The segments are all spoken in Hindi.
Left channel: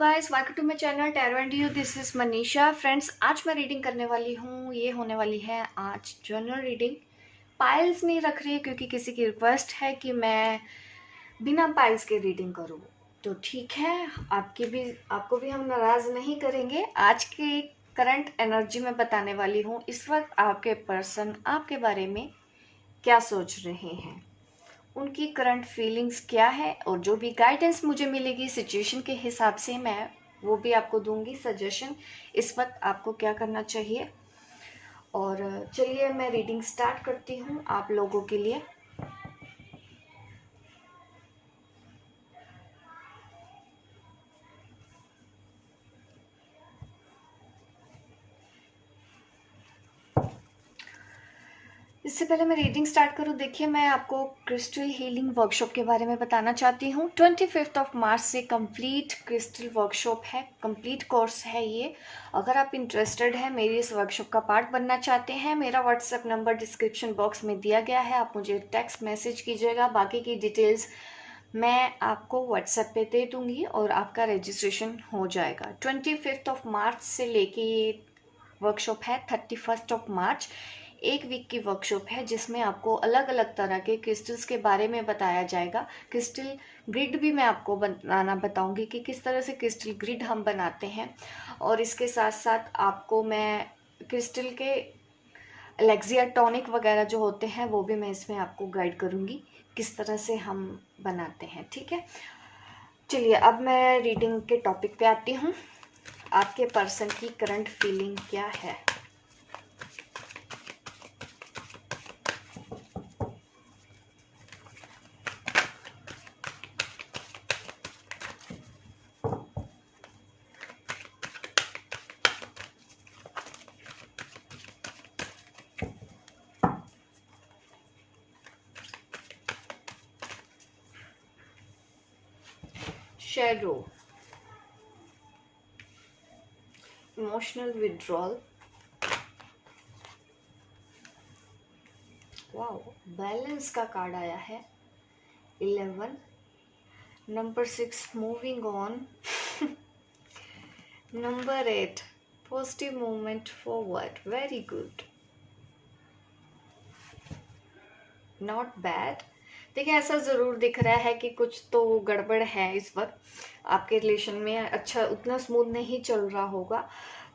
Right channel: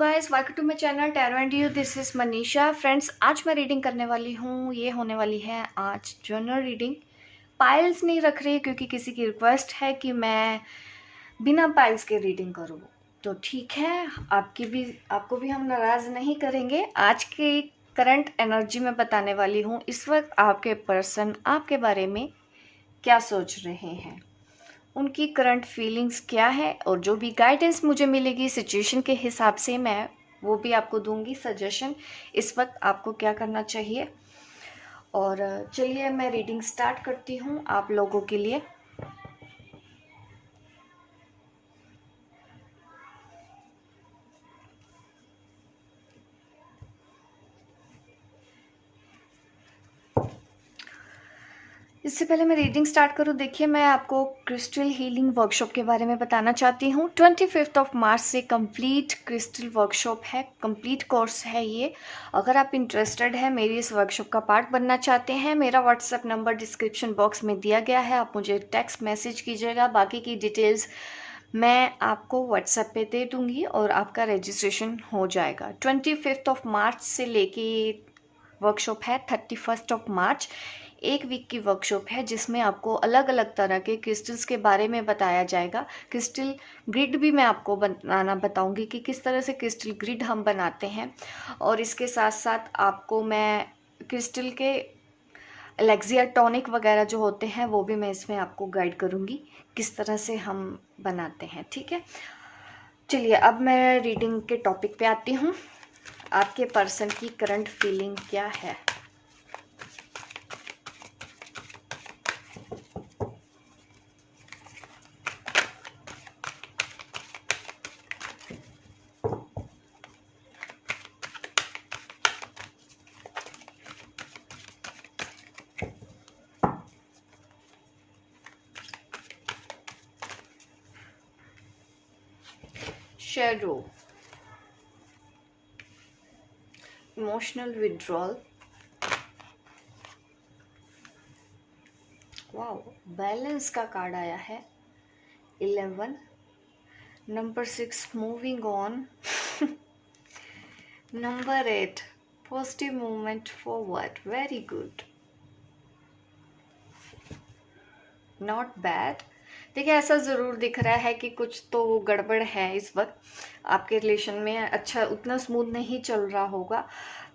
Guys, welcome to my channel tarot and you. This is Manisha. Friends, आज मैं रीडिंग करने वाली हूँ। ये होने वाली है आज जनरल रीडिंग। पाइल्स नहीं रख रही क्योंकि किसी की रिक्वेस्ट है कि मैं बिना पाइल्स के रीडिंग करूँ, तो ठीक है। आपको भी हम नाराज नहीं करेंगे। आज की करंट एनर्जी में बताने वाली हूँ। इस वक्त आपके पर्सन आपके बारे में क्या सोच रहे हैं, उनकी करंट फीलिंग्स क्या है, और जो भी गाइडेंस मुझे मिलेगी सिचुएशन के हिसाब से मैं वो भी आपको दूंगी सजेशन इस वक्त आपको क्या करना चाहिए। और चलिए मैं रीडिंग स्टार्ट करती हूँ आप लोगों के लिए। इससे पहले मैं रीडिंग स्टार्ट करूँ, देखिए मैं आपको क्रिस्टल हीलिंग वर्कशॉप के बारे में बताना चाहती हूँ। 25 मार्च से कंप्लीट क्रिस्टल वर्कशॉप है, कंप्लीट कोर्स है ये। अगर आप इंटरेस्टेड है, मेरी इस वर्कशॉप का पार्ट बनना चाहते हैं, मेरा व्हाट्सएप नंबर डिस्क्रिप्शन बॉक्स में दिया गया है। आप मुझे टेक्स्ट मैसेज कीजिएगा, बाकी की डिटेल्स मैं आपको व्हाट्सएप पे दे दूंगी और आपका रजिस्ट्रेशन हो जाएगा। 25 मार्च से लेके ये वर्कशॉप है 31 मार्च। एक वीक की वर्कशॉप है जिसमें आपको अलग अलग तरह के क्रिस्टल्स के बारे में बताया जाएगा। क्रिस्टल ग्रिड भी मैं आपको बनाना बताऊंगी कि किस तरह से क्रिस्टल ग्रिड हम बनाते हैं। और इसके साथ साथ आपको मैं क्रिस्टल के एलेक्सिया टॉनिक वगैरह जो होते हैं वो भी मैं इसमें आपको गाइड करूंगी किस तरह से हम बनाते हैं। ठीक है, चलिए अब मैं रीडिंग के टॉपिक पे आती हूँ। आपके पर्सन की करंट फीलिंग क्या है। Shadow, emotional withdrawal, wow, balance का कार्ड आया है 11, number 6 moving on, number 8 positive movement forward. Very good, not bad. देखिए ऐसा ज़रूर दिख रहा है कि कुछ तो गड़बड़ है इस वक्त आपके रिलेशन में। अच्छा, उतना स्मूथ नहीं चल रहा होगा।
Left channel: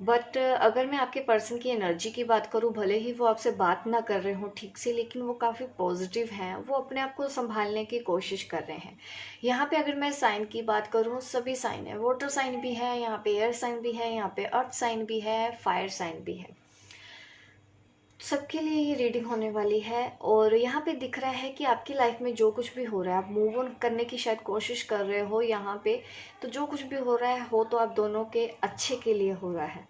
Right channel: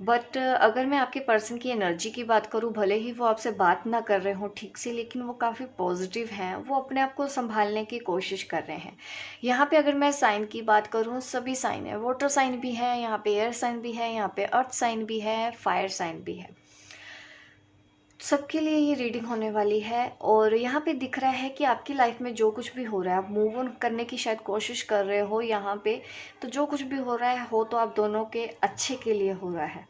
बट अगर मैं आपके पर्सन की एनर्जी की बात करूं, भले ही वो आपसे बात ना कर रहे हो ठीक से, लेकिन वो काफ़ी पॉजिटिव हैं। वो अपने आप को संभालने की कोशिश कर रहे हैं। यहाँ पे अगर मैं साइन की बात करूं, सभी साइन है। वाटर साइन भी है यहाँ पे, एयर साइन भी है यहाँ पे, अर्थ साइन भी है, फायर साइन भी है। सबके लिए ये रीडिंग होने वाली है। और यहाँ पे दिख रहा है कि आपकी लाइफ में जो कुछ भी हो रहा है, आप मूव ऑन करने की शायद कोशिश कर रहे हो यहाँ पे। तो जो कुछ भी हो रहा है हो तो आप दोनों के अच्छे के लिए हो रहा है।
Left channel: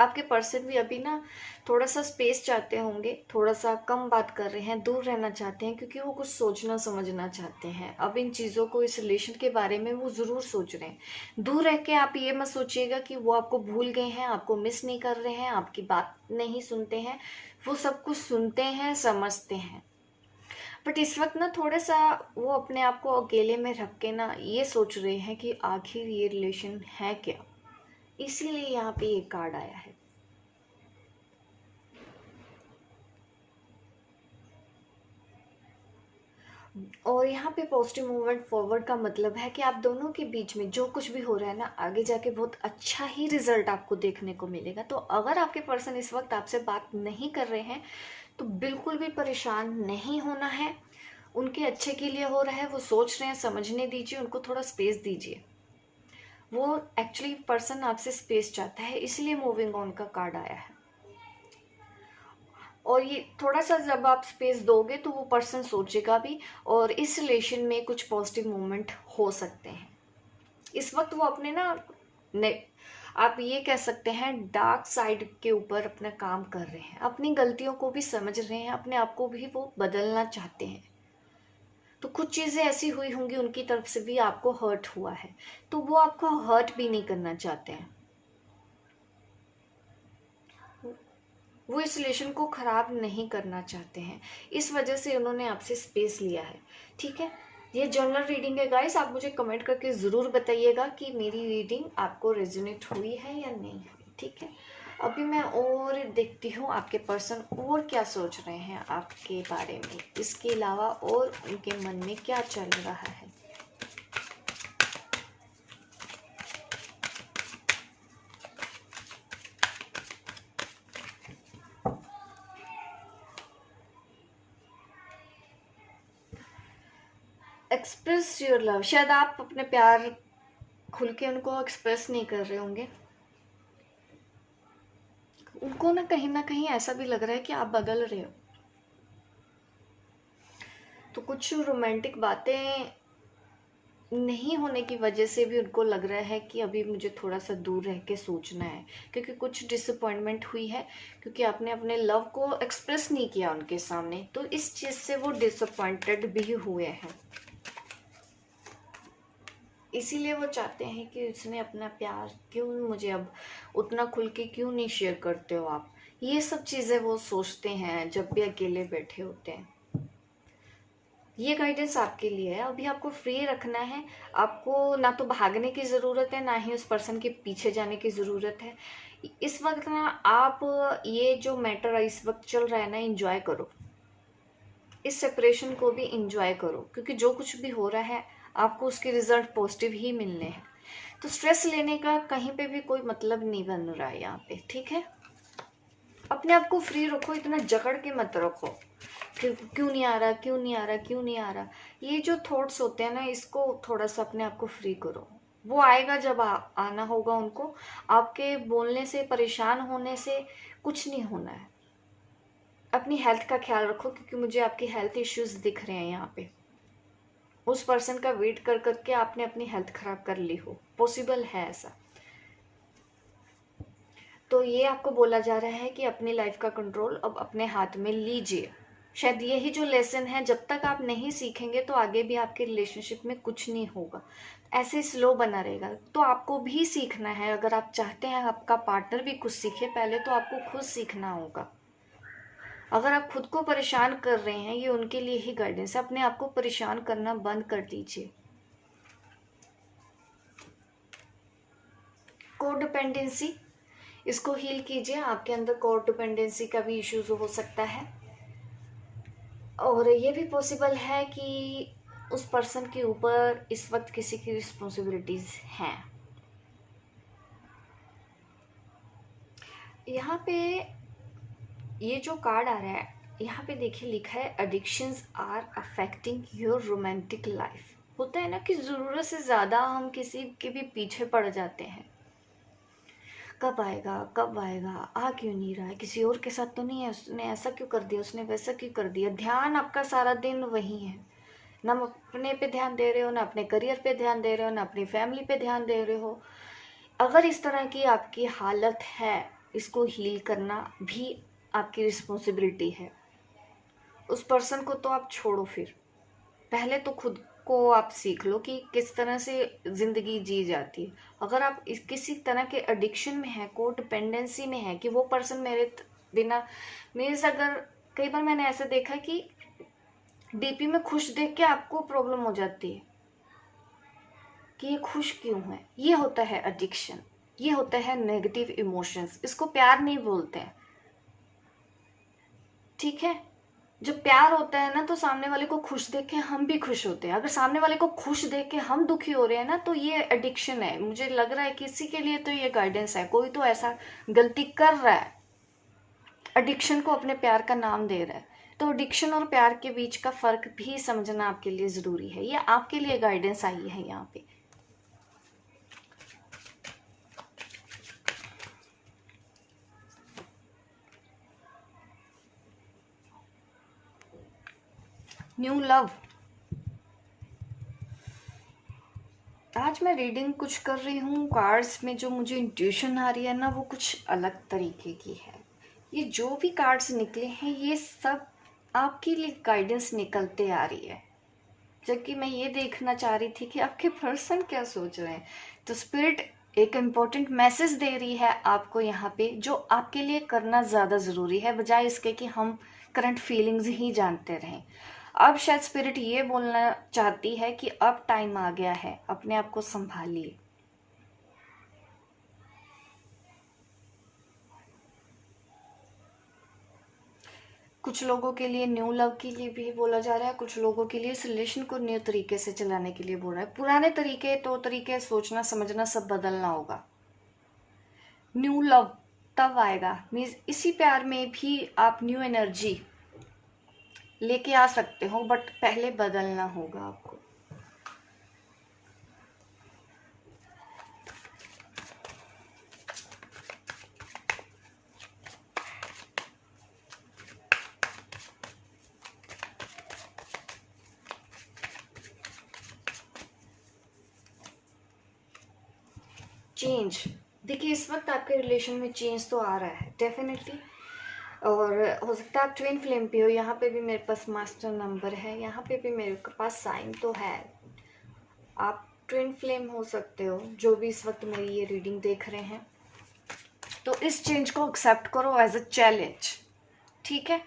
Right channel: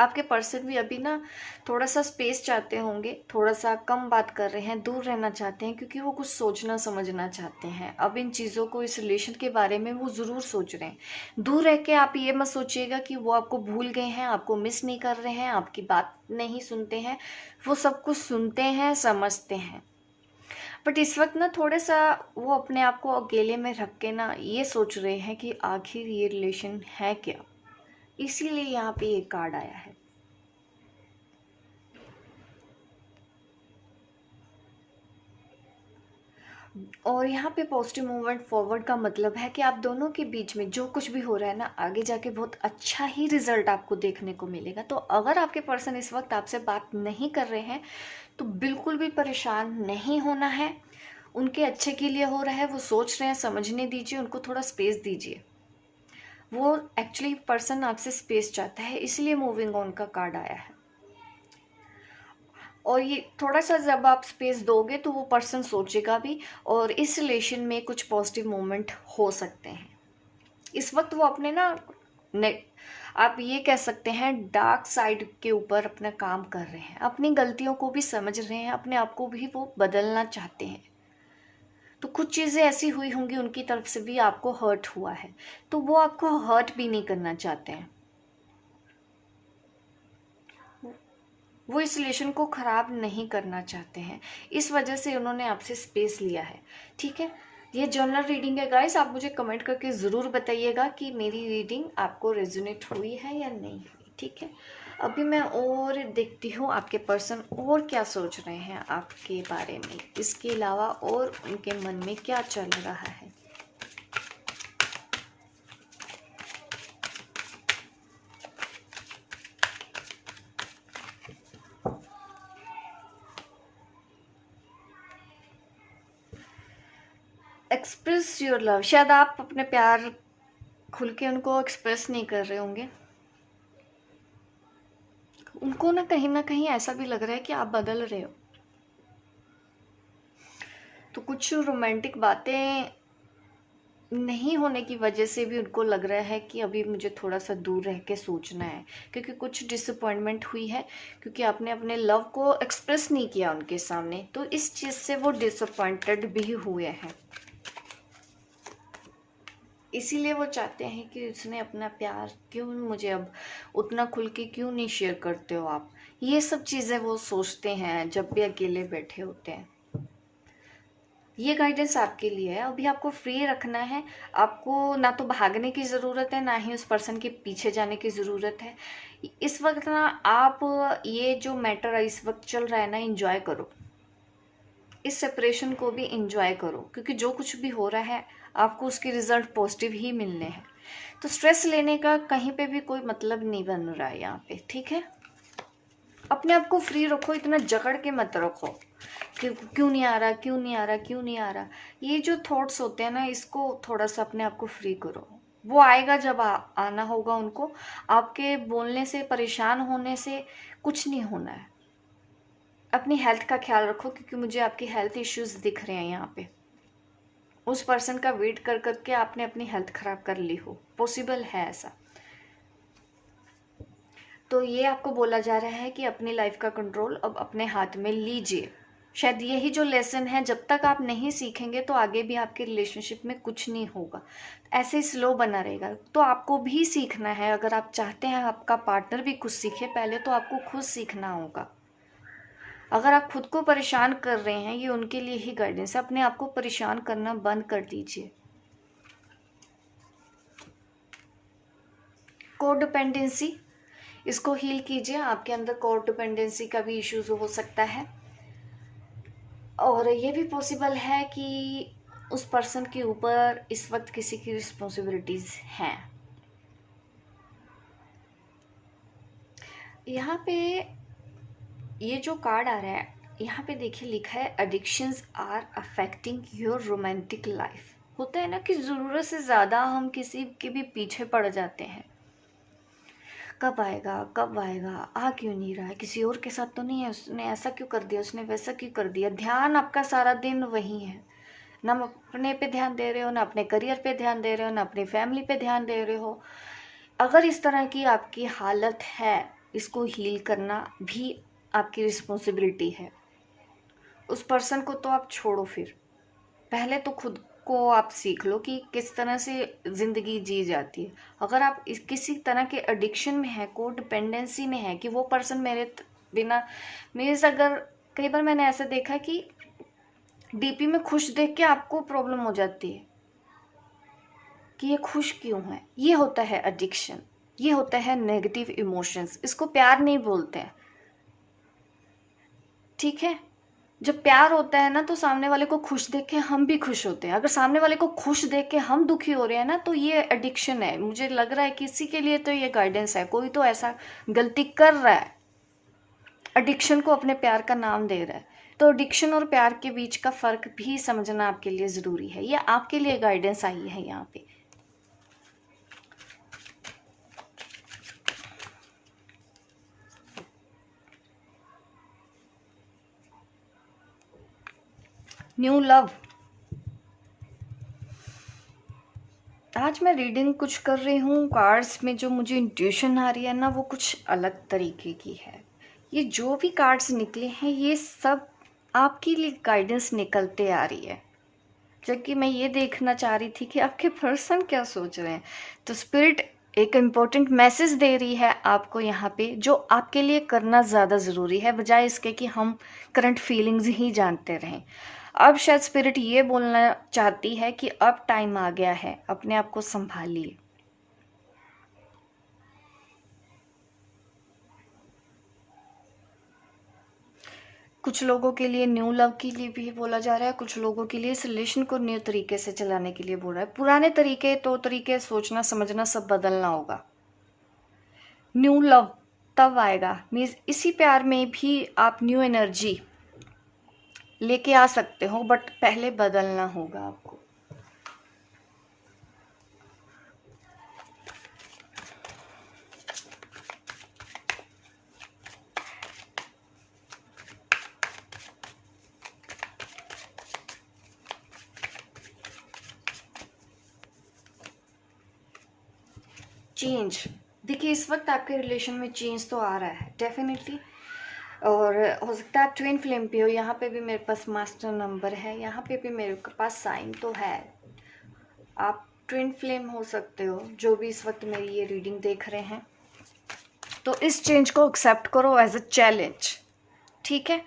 आपके पर्सन भी अभी ना थोड़ा सा स्पेस चाहते होंगे, थोड़ा सा कम बात कर रहे हैं, दूर रहना चाहते हैं, क्योंकि वो कुछ सोचना समझना चाहते हैं। अब इन चीज़ों को, इस रिलेशन के बारे में वो ज़रूर सोच रहे हैं। दूर रह के आप ये मत सोचिएगा कि वो आपको भूल गए हैं, आपको मिस नहीं कर रहे हैं, आपकी बात नहीं सुनते हैं। वो सब कुछ सुनते हैं, समझते हैं। बट इस वक्त ना थोड़ा सा वो अपने आप को अकेले में रख के ना ये सोच रहे हैं कि आखिर ये रिलेशन है क्या। इसीलिए यहाँ पे ये कार्ड आया है। और यहाँ पे पॉजिटिव मूवमेंट फॉरवर्ड का मतलब है कि आप दोनों के बीच में जो कुछ भी हो रहा है ना, आगे जाके बहुत अच्छा ही रिजल्ट आपको देखने को मिलेगा। तो अगर आपके पर्सन इस वक्त आपसे बात नहीं कर रहे हैं तो बिल्कुल भी परेशान नहीं होना है। उनके अच्छे के लिए हो रहा है, वो सोच रहे हैं, समझने दीजिए, उनको थोड़ा स्पेस दीजिए। वो एक्चुअली पर्सन आपसे स्पेस चाहता है, इसलिए मूविंग ऑन का कार्ड आया है। और ये थोड़ा सा जब आप स्पेस दोगे तो वो पर्सन सोचेगा भी, और इस रिलेशन में कुछ पॉजिटिव मूवमेंट हो सकते हैं। इस वक्त वो अपने ना आप ये कह सकते हैं डार्क साइड के ऊपर अपना काम कर रहे हैं, अपनी गलतियों को भी समझ रहे हैं, अपने आप को भी वो बदलना चाहते हैं। तो कुछ चीज़ें ऐसी हुई होंगी उनकी तरफ से भी, आपको हर्ट हुआ है, तो वो आपको हर्ट भी नहीं करना चाहते हैं। वो इस रिलेशन को खराब नहीं करना चाहते हैं, इस वजह से उन्होंने आपसे स्पेस लिया है। ठीक है, ये जनरल रीडिंग है गाइस, आप मुझे कमेंट करके ज़रूर बताइएगा कि मेरी रीडिंग आपको रेजोनेट हुई है या नहीं हुई, ठीक है। अभी मैं और देखती हूँ आपके पर्सन और क्या सोच रहे हैं आपके बारे में, इसके अलावा और उनके मन में क्या चल रहा है। एक्सप्रेस योर लव, शायद आप अपने प्यार खुल के उनको एक्सप्रेस नहीं कर रहे होंगे। उनको ना कहीं ऐसा भी लग रहा है कि आप बदल रहे हो। तो कुछ रोमांटिक बातें नहीं होने की वजह से भी उनको लग रहा है कि अभी मुझे थोड़ा सा दूर रह के सोचना है, क्योंकि कुछ डिसअपॉइंटमेंट हुई है, क्योंकि आपने अपने लव को एक्सप्रेस नहीं किया उनके सामने, तो इस चीज़ से वो डिसअपॉइंटेड भी हुए हैं। इसीलिए वो चाहते हैं कि उसने अपना प्यार क्यों मुझे अब उतना खुल के क्यों नहीं शेयर करते हो आप। ये सब चीज़ें वो सोचते हैं जब भी अकेले बैठे होते हैं। ये गाइडेंस आपके लिए है, अभी आपको फ्री रखना है। आपको ना तो भागने की ज़रूरत है, ना ही उस पर्सन के पीछे जाने की ज़रूरत है। इस वक्त ना आप ये जो मैटर इस वक्त चल रहा है ना, इंजॉय करो, इस सेपरेशन को भी इंजॉय करो, क्योंकि जो कुछ भी हो रहा है आपको उसके रिजल्ट पॉजिटिव ही मिलने हैं। तो स्ट्रेस लेने का कहीं पे भी कोई मतलब नहीं बन रहा है यहाँ पे, ठीक है। अपने आप को फ्री रखो, इतना जकड़ के मत रखो कि क्यों नहीं आ रहा, क्यों नहीं आ रहा, क्यों नहीं आ रहा। ये जो थॉट्स होते हैं ना, इसको थोड़ा सा अपने आप को फ्री करो। वो आएगा जब आना होगा उनको। आपके बोलने से, परेशान होने से कुछ नहीं होना है। अपनी हेल्थ का ख्याल रखो, क्योंकि मुझे आपकी हेल्थ इश्यूज दिख रहे हैं यहाँ पे। उस पर्सन का वेट कर करके आपने अपनी हेल्थ खराब कर ली हो, पॉसिबल है ऐसा। तो ये आपको बोला जा रहा है कि अपनी लाइफ का कंट्रोल अब अपने हाथ में लीजिए। शायद यही जो लेसन है, जब तक आप नहीं सीखेंगे तो आगे भी आपके रिलेशनशिप में कुछ नहीं होगा, ऐसे स्लो बना रहेगा। तो आपको भी सीखना है। अगर आप चाहते हैं आपका पार्टनर भी कुछ सीखे, पहले तो आपको खुद सीखना होगा। अगर आप खुद को परेशान कर रहे हैं, ये उनके लिए ही गाइडेंस है, अपने आप को परेशान करना बंद कर दीजिए। कोडिपेंडेंसी, इसको हील कीजिए। आपके अंदर कोडिपेंडेंसी का भी इश्यूज हो सकता है, और ये भी पॉसिबल है कि उस पर्सन के ऊपर इस वक्त किसी की रिस्पॉन्सिबिलिटीज हैं। यहाँ पे ये जो कार्ड आ रहा है, यहाँ पे देखिए लिखा है addictions are affecting your romantic life. होता है ना कि ज़रूरत से ज़्यादा हम किसी के भी पीछे पड़ जाते हैं। कब आएगा, कब आएगा, आ क्यों नहीं रहा है, किसी और के साथ तो नहीं है, उसने ऐसा क्यों कर दिया, उसने वैसा क्यों कर दिया। ध्यान आपका सारा दिन वही है, ना अपने पे ध्यान दे रहे हो, ना अपने करियर पे ध्यान दे रहे हो, ना अपनी फैमिली पे ध्यान दे रहे हो। अगर इस तरह की आपकी हालत है, इसको हील करना भी आपकी रिस्पॉन्सिबिलिटी है। उस पर्सन को तो आप छोड़ो, फिर पहले तो खुद को आप सीख लो कि किस तरह से ज़िंदगी जी जाती है। अगर आप किसी तरह के एडिक्शन में है, को डिपेंडेंसी में है कि वो पर्सन मेरे बिना, मीन्स अगर कई बार मैंने ऐसा देखा कि डीपी में खुश देख के आपको प्रॉब्लम हो जाती है कि ये खुश क्यों है। ये होता है एडिक्शन, ये होता है नेगेटिव इमोशंस। इसको प्यार नहीं बोलते हैं, ठीक है। जब प्यार होता है ना, तो सामने वाले को खुश देख के हम भी खुश होते हैं। अगर सामने वाले को खुश देख के हम दुखी हो रहे हैं ना, तो ये एडिक्शन है। मुझे लग रहा है किसी के लिए तो ये गाइडेंस है, कोई तो ऐसा गलती कर रहा है, एडिक्शन को अपने प्यार का नाम दे रहा है। तो एडिक्शन और प्यार के बीच का फर्क भी समझना आपके लिए जरूरी है। ये आपके लिए गाइडेंस आई है यहाँ पे। न्यू लव, आज मैं रीडिंग कुछ कर रही हूँ, कार्ड्स में जो मुझे इंट्यूशन आ रही है ना, वो कुछ अलग तरीके की है। ये जो भी कार्ड्स निकले हैं, ये सब आपके लिए गाइडेंस निकलते आ रही है, जबकि मैं ये देखना चाह रही थी कि आपके पर्सन क्या सोच रहे हैं। तो स्पिरिट एक इम्पोर्टेंट मैसेज दे रही है आपको यहाँ पे, जो आपके लिए करना ज़्यादा ज़रूरी है, बजाय इसके कि हम करंट फीलिंग्स ही जानते रहें। अब शायद स्पिरिट ये बोलना चाहती है कि अब टाइम आ गया है, अपने आप को संभालिए। कुछ लोगों के लिए न्यू लव के लिए भी बोला जा रहा है, कुछ लोगों के लिए इस रिलेशन को न्यू तरीके से चलाने के लिए बोल रहा है। पुराने तरीके तो तरीके सोचना समझना सब बदलना होगा। न्यू लव तब आएगा, मीन्स इसी प्यार में भी आप न्यू एनर्जी लेके आ सकते हो, बट पहले बदलना होगा आपको। चेंज, देखिए इस वक्त आपके रिलेशन में चेंज तो आ रहा है डेफिनेटली, और हो सकता है आप ट्विन फ्लेम पे हो। यहाँ पे भी मेरे पास मास्टर नंबर है, यहाँ पे भी मेरे पास साइन तो है। आप ट्विन फ्लेम हो सकते हो, जो भी इस वक्त मेरी ये रीडिंग देख रहे हैं। तो इस चेंज को एक्सेप्ट करो एज अ चैलेंज, ठीक है।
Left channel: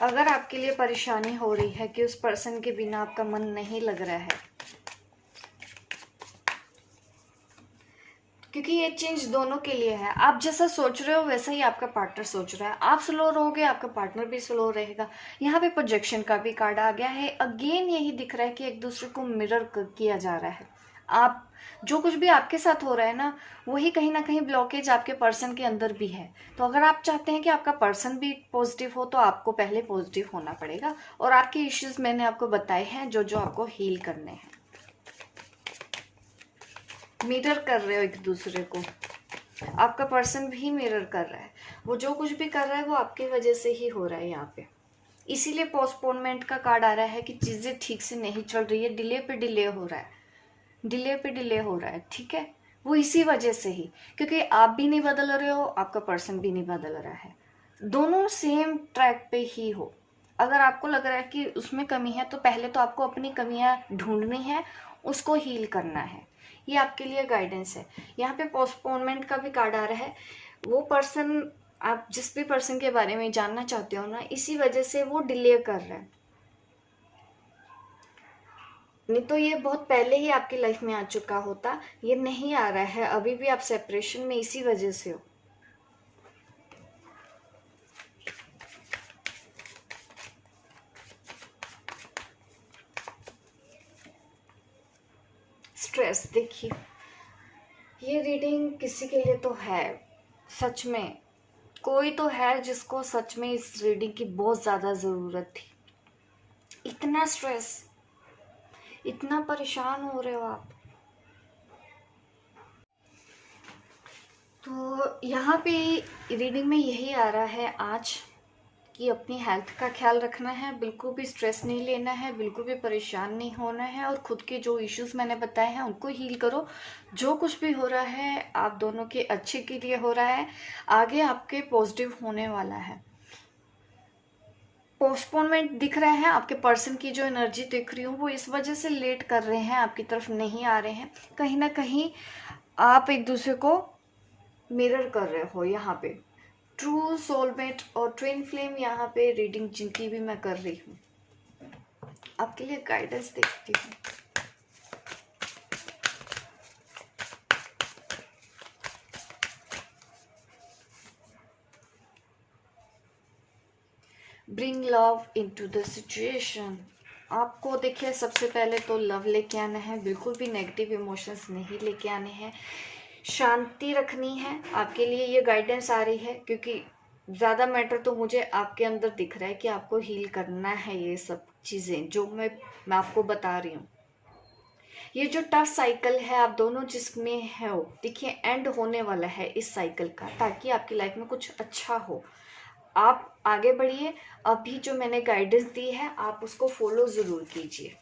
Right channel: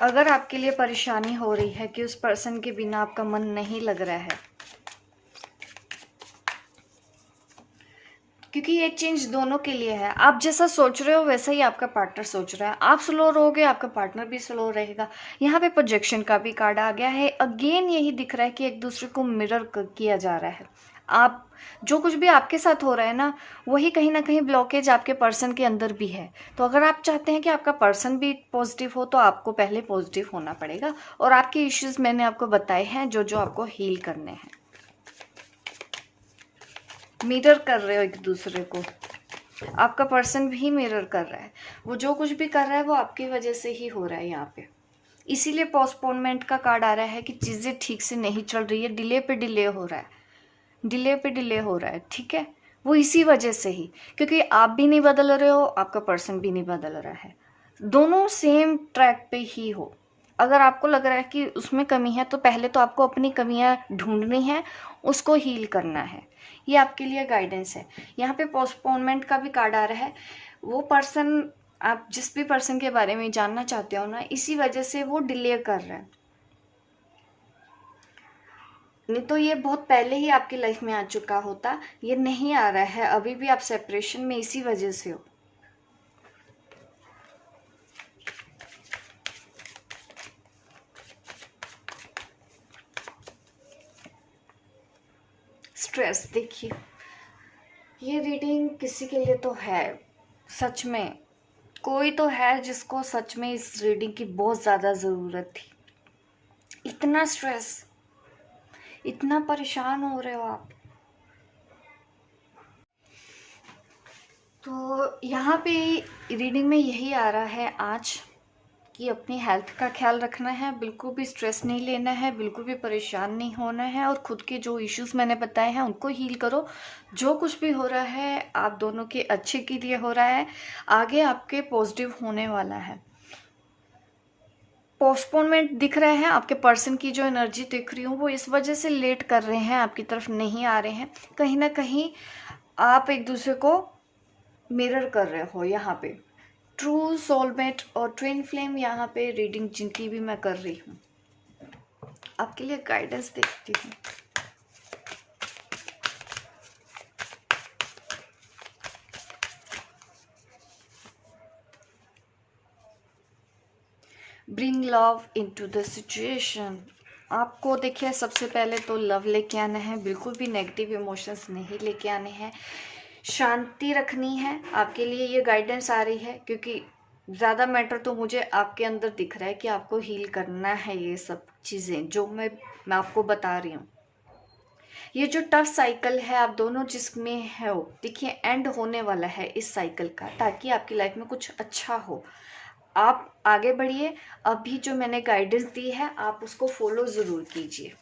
अगर आपके लिए परेशानी हो रही है कि उस पर्सन के बिना आपका मन नहीं लग रहा है, क्योंकि ये चेंज दोनों के लिए है। आप जैसा सोच रहे हो वैसा ही आपका पार्टनर सोच रहा है। आप स्लो रहोगे, आपका पार्टनर भी स्लो रहेगा। यहाँ पे प्रोजेक्शन का भी कार्ड आ गया है। अगेन यही दिख रहा है कि एक दूसरे को मिरर किया जा रहा है। आप जो कुछ भी आपके साथ हो रहा है ना, वही कहीं ना कहीं ब्लॉकेज आपके पर्सन के अंदर भी है। तो अगर आप चाहते हैं कि आपका पर्सन भी पॉजिटिव हो, तो आपको पहले पॉजिटिव होना पड़ेगा। और आपके इश्यूज मैंने आपको बताए हैं, जो जो आपको हील करने हैं। मिरर कर रहे हो एक दूसरे को, आपका पर्सन भी मिरर कर रहा है। वो जो कुछ भी कर रहा है वो आपकी वजह से ही हो रहा है यहाँ पे। इसीलिए पोस्टपोनमेंट का कार्ड आ रहा है कि चीजें ठीक से नहीं चल रही है, डिले पे डिले हो रहा है, डिले पे डिले हो रहा है, ठीक है। वो इसी वजह से ही, क्योंकि आप भी नहीं बदल रहे हो, आपका पर्सन भी नहीं बदल रहा है। दोनों सेम ट्रैक पे ही हो। अगर आपको लग रहा है कि उसमें कमी है, तो पहले तो आपको अपनी कमियां ढूंढनी है, उसको हील करना है। ये आपके लिए गाइडेंस है। यहाँ पे पोस्टपोनमेंट का भी कार्ड आ रहा है। वो पर्सन, आप जिस भी पर्सन के बारे में जानना चाहते हो ना, इसी वजह से वो डिले कर रहा है। नहीं तो ये बहुत पहले ही आपकी लाइफ में आ चुका होता। ये नहीं आ रहा है, अभी भी आप सेपरेशन में इसी वजह से हो। स्ट्रेस, देखिए ये रीडिंग किसी के लिए तो है, सच में कोई तो है जिसको सच में इस रीडिंग की बहुत ज्यादा जरूरत थी। इतना स्ट्रेस, इतना परेशान हो रहे हो आप। तो यहाँ पे रीडिंग में यही आ रहा है आज कि अपनी हेल्थ का ख्याल रखना है, बिल्कुल भी स्ट्रेस नहीं लेना है, बिल्कुल भी परेशान नहीं होना है, और खुद के जो इश्यूज मैंने बताए हैं उनको हील करो। जो कुछ भी हो रहा है आप दोनों के अच्छे के लिए हो रहा है, आगे आपके पॉजिटिव होने वाला है। पोस्टपोनमेंट दिख रहा है, आपके पर्सन की जो एनर्जी दिख रही हूँ वो इस वजह से लेट कर रहे हैं, आपकी तरफ नहीं आ रहे हैं। कहीं ना कहीं आप एक दूसरे को मिरर कर रहे हो। यहाँ पे ट्रू सोलमेट और ट्विन फ्लेम, यहाँ पे रीडिंग जिनकी भी मैं कर रही हूँ, आपके लिए गाइडेंस देखती हूँ। Bring love into the situation. आपको देखिए सबसे पहले तो लव लेके आना है, बिल्कुल भी नेगेटिव इमोशंस नहीं लेके आने हैं, शांति रखनी है। आपके लिए ये गाइडेंस आ रही है, क्योंकि ज़्यादा मैटर तो मुझे आपके अंदर दिख रहा है कि आपको हील करना है ये सब चीज़ें जो मैं आपको बता रही हूँ। ये जो टफ साइकिल है आप दोनों जिसमें हो, देखिए एंड होने वाला है इस साइकिल का, ताकि आपकी लाइफ में कुछ अच्छा हो। आप आगे बढ़िए। अभी जो मैंने गाइडेंस दी है आप उसको फॉलो जरूर कीजिए।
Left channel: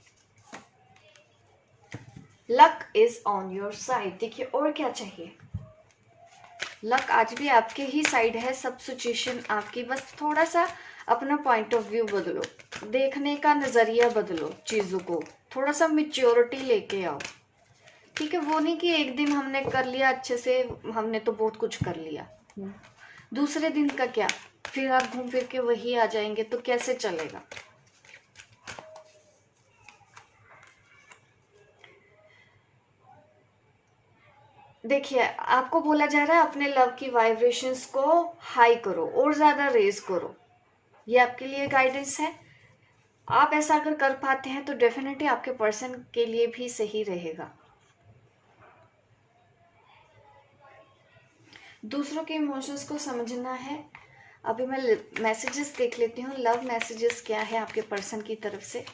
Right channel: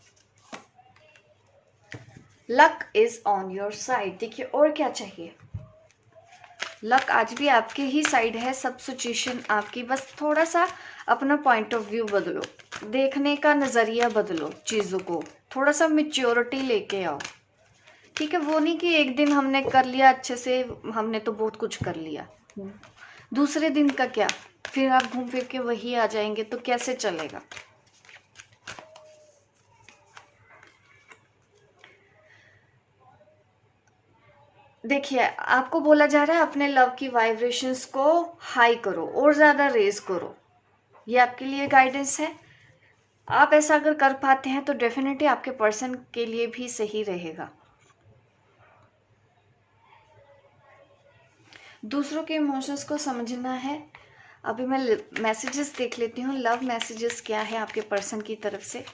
Luck is on your side, देखिए और क्या चाहिए। लक आज भी आपके ही साइड है, सब सिचुएशन आपकी, बस थोड़ा सा अपना पॉइंट ऑफ व्यू बदलो, देखने का नजरिया बदलो, चीजों को थोड़ा सा मेच्योरिटी लेके आओ, ठीक है। वो नहीं कि एक दिन हमने कर लिया अच्छे से, हमने तो बहुत कुछ कर लिया, दूसरे दिन का क्या, फिर आप घूम फिर के वही आ जाएंगे, तो कैसे चलेगा। देखिए, आपको बोला जा रहा है अपने लव की वाइब्रेशंस को हाई करो और ज्यादा रेज करो। ये आपके लिए गाइडेंस है। आप ऐसा अगर कर पाते हैं तो डेफिनेटली आपके पर्सन के लिए भी सही रहेगा। दूसरों के इमोशंस को समझना है। अभी मैं मैसेजेस देख लेती हूँ, लव मैसेजेस क्या है आपके पर्सन की तरफ से,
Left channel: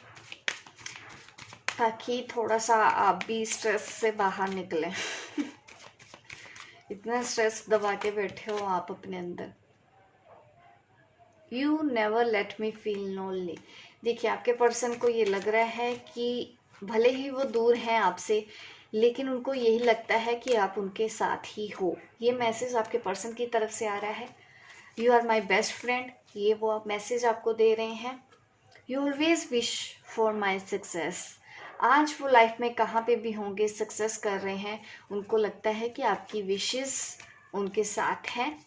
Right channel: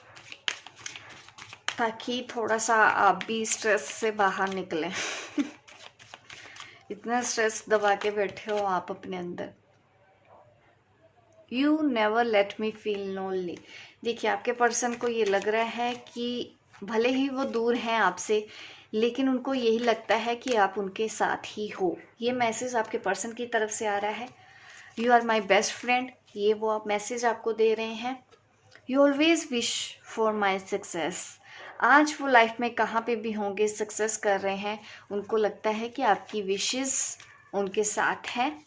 ताकि थोड़ा सा आप भी स्ट्रेस से बाहर निकलें। इतना स्ट्रेस दबा के बैठे हो आप अपने अंदर। You never let me feel lonely. देखिए, आपके पर्सन को ये लग रहा है कि भले ही वो दूर हैं आपसे, लेकिन उनको यही लगता है कि आप उनके साथ ही हो। ये मैसेज आपके पर्सन की तरफ से आ रहा है। You are my best friend, ये वो आप मैसेज आपको दे रहे हैं। You always wish for my success. आज वो लाइफ में कहाँ पे भी होंगे, सक्सेस कर रहे हैं, उनको लगता है कि आपकी विशेस उनके साथ हैं।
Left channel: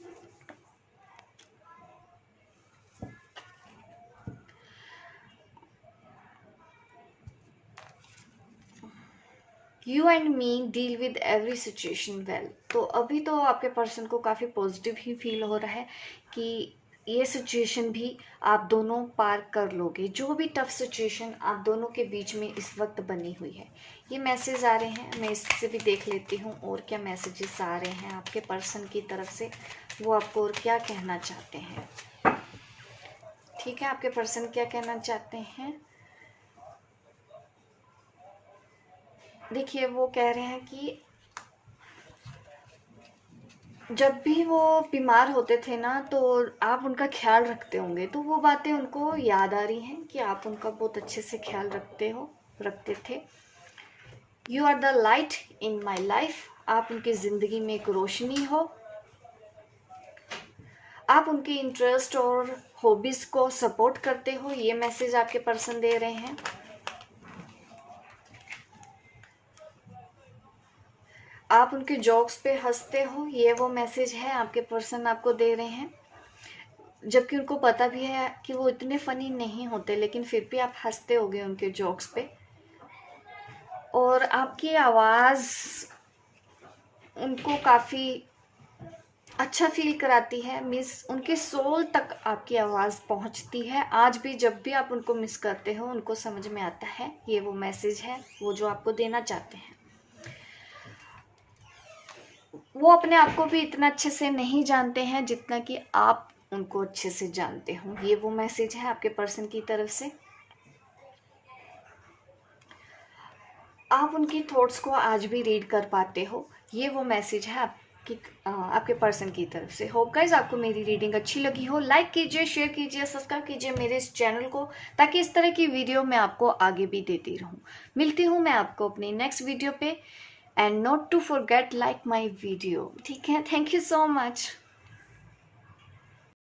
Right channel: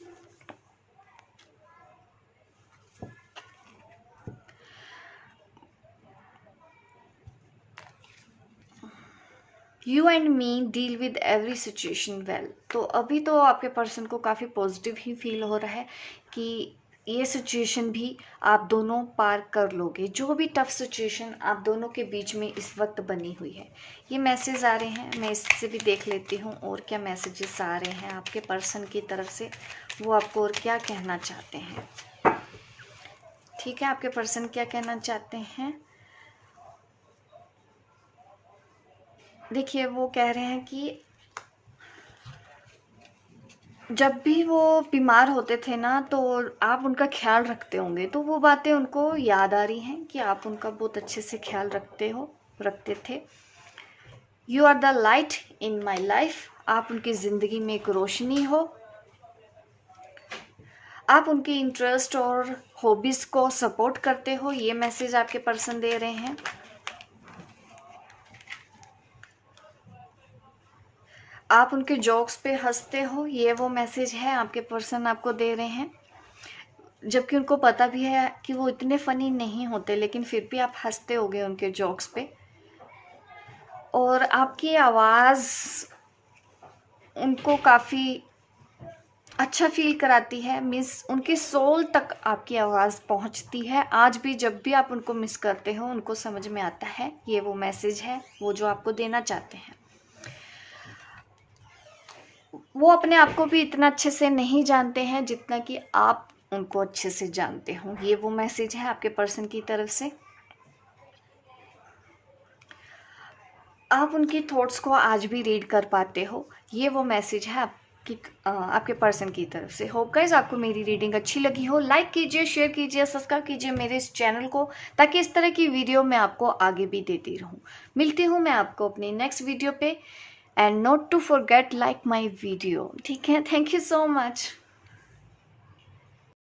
You and me deal with every situation well. तो अभी तो आपके पर्सन को काफ़ी पॉजिटिव ही फील हो रहा है कि ये सिचुएशन भी आप दोनों पार कर लोगे। जो भी टफ सिचुएशन आप दोनों के बीच में इस वक्त बनी हुई है, ये मैसेज आ रहे हैं। मैं इससे भी देख लेती हूँ और क्या मैसेजेस आ रहे हैं आपके पर्सन की तरफ से, वो आपको और क्या कहना चाहते हैं। ठीक है, आपके पर्सन क्या कहना चाहते हैं। देखिए, वो कह रहे हैं कि जब भी वो बीमार होते थे ना, तो आप उनका ख्याल रखते होंगे, तो वो बातें उनको याद आ रही हैं कि आप उनका बहुत अच्छे से ख्याल रखते थे। You are the light in my life. आप उनकी ज़िंदगी में एक रोशनी हो। आप उनके इंटरेस्ट और हॉबीज़ को सपोर्ट करते हो। ये मैसेज आपके पर्सन दे रहे हैं। आप उनके जोक्स पे हंसते हो। ये वो मैसेज है आपके पर्सन आपको दे रहे हैं। जबकि उनको पता भी है कि वो इतने फनी नहीं होते, लेकिन फिर भी आप हंसते होगे उनके जोक्स पे। और आपकी आवाज़ उनको काफ़ी अच्छा फील कराती है। मिस उनके सोल तक आपकी आवाज़ पहुंचती है। आज भी जब भी आप उनको मिस करते हो, उनको समझ में आता है ये वो मैसेज है, वो जो आपको देना चाहते हैं। वो अपने आप को भी इतना अच्छे से नहीं जानते हैं जितना कि आप उनको अच्छे से जानते हो। ये वो मैसेज है आपके पर्सन की तरफ से। आप उनकी थॉट्स को आज भी रीड कर पाते हो। ये वो मैसेज है आपके पर्सन की तरफ से। होप गाइस आपको मेरी रीडिंग अच्छी लगी हो। लाइक कीजिए, शेयर कीजिए, सब्सक्राइब कीजिए मेरे इस चैनल को, ताकि इस तरह की वीडियो मैं आपको आगे भी देती रहूं। मिलती हूं मैं आपको अपनी नेक्स्ट वीडियो पे। And not to forget like my video. ठीक है, थैंक यू सो मच।